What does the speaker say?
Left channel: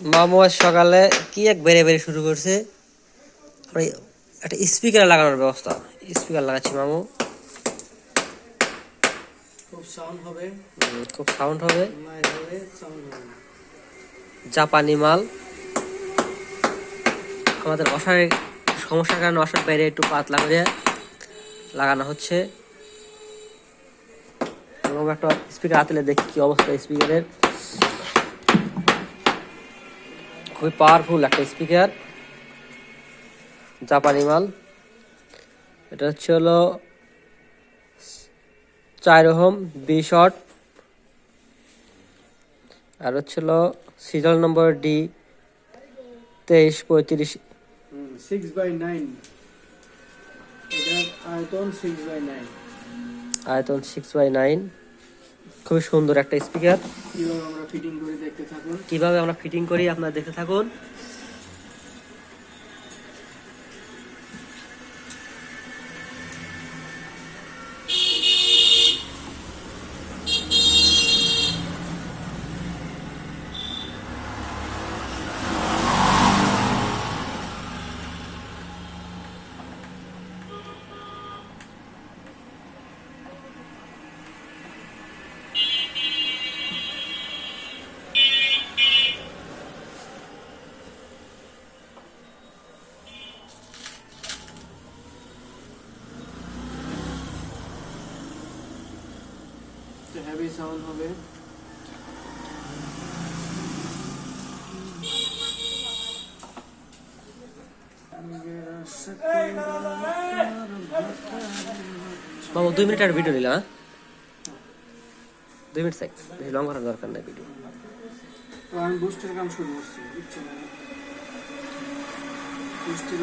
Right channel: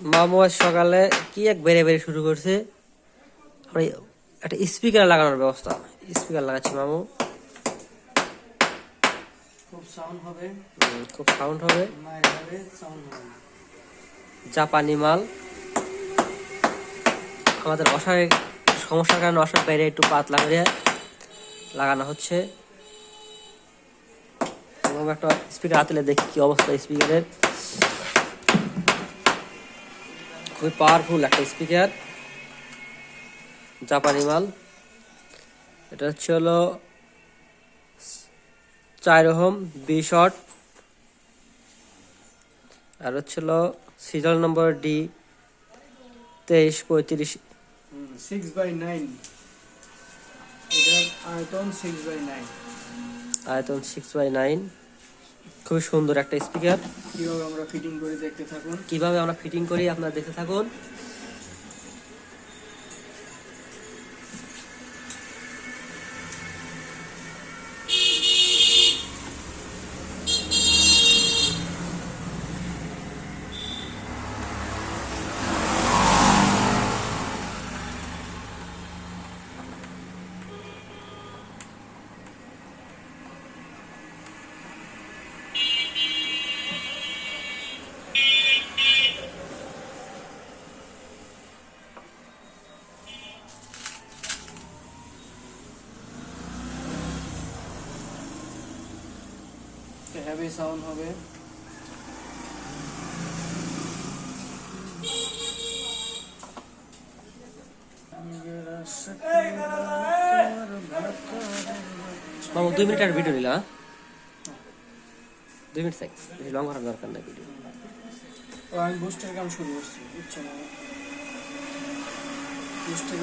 মামু আজ সকালে কি এক বেড়ে বেড়ে শুরু করছে। একটা স্পিকার লাগানোর ব্যবস্থা, স্পিকার লাগাচ্ছি মামু। খুব সাউন্ড হবে, খুব সাউন্ড হবে, সাউন্ড হবে। জাপানি মাল। আমাদের অসারে সমস্যার কারণে অসার বাইরে একটু পাতলা করে লাগানো হচ্ছে। এবং একটা স্পিকার হাতলে দেখি কি অবস্থা স্পিকারের। খুবই পাওয়ারফুল একটা স্পিকার, জাপানি মাল। এটা হচ্ছে হলো 4 ওহম 20 ওয়াট, আর হচ্ছে হলো সিরিয়াল নম্বর D2335। 6/9, এটার আয়তন 6/9। আয়তন 6/9। খুবই সুন্দর একটা স্পিকার। কিভাবে আমরা ফিটিং করে দেখতে থাকুন। কিভাবে আমরা ফিটিং করি আপনারা দেখতে থাকুন। হেভি সাউন্ড হবে। মামু 2 মিনিটের ভিডিও নিলাম, হ্যাঁ 2 মিনিট থাক, বেশি লং করার দরকার নাই ভিডিও। আমি বুস্টের কাম শুরু করছি, বুঝছো না? বুস্টের